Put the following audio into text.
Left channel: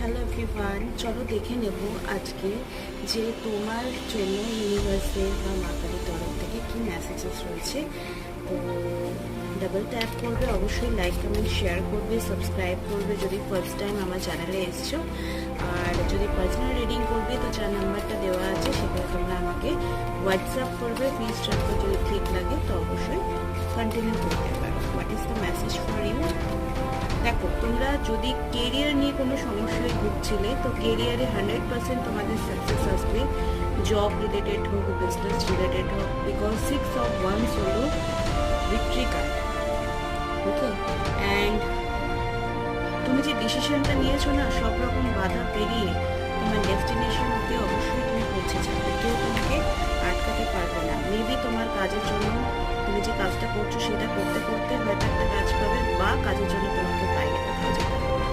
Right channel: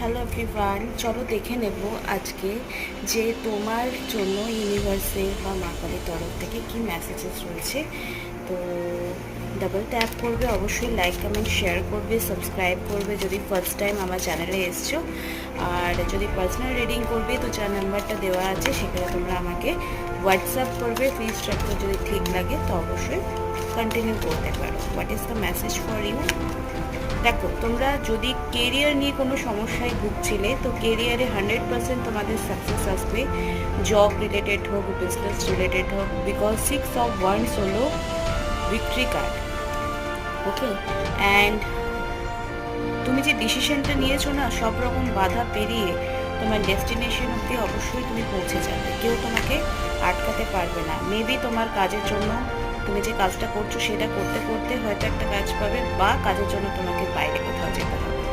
Hello everyone, চলো দেখে নেব আজকে যে তোমার জন্য ইউনিভার্সের বা মা কালীর তরফ থেকে কি মেসেজেস রয়েছে। তো ডাবল ট্যাপ করবে, অবশ্যই লাইক কমেন্ট শেয়ার করবে, সাবস্ক্রাইব করবে যদি ফার্স্ট টাইম আমার চ্যানেলে এসছো। আর যদি পার্সোনাল রিডিং করবে তো যার নাম্বারটা দেওয়া আছে সেখানে তোমরা আমাকে হোয়াটসঅ্যাপ করবে। ফি স্ট্রাকচার যদি ঠিক লাগে তো অবশ্যই কন্টিনিউ করতে পারো। What is the message for you? দেখো, তোমরা যদি কেরিয়ার নিয়ে কোনো সমস্যায় ভুগছিলে তো কেরিয়ারে 100% তোমাদের সাকসেস আসবে। জব রিলেটেড হোক, বিজনেস রিলেটেড হোক, বিকজ 6 of Wands হলো ভিক্টরি কার্ড। ওকে, অ্যান্ড তুমি যে ডিসিশনটা নিয়েছো না, সব রকম বাধা পেরিয়ে তোমার ডেস্টিনেশন অব্দি অবশ্যই তুমি পৌঁছে যাবে। কেউ তোমাকে আটকাতে পারবে না। মেবি তোমার কাজের জন্য তুমি যে কাজটা করছো সেটা করতে করতে হয়তো একটা কাজ পাবে, বা কাজের জন্য তোমাকে বাইরে কোথাও যেতে হবে।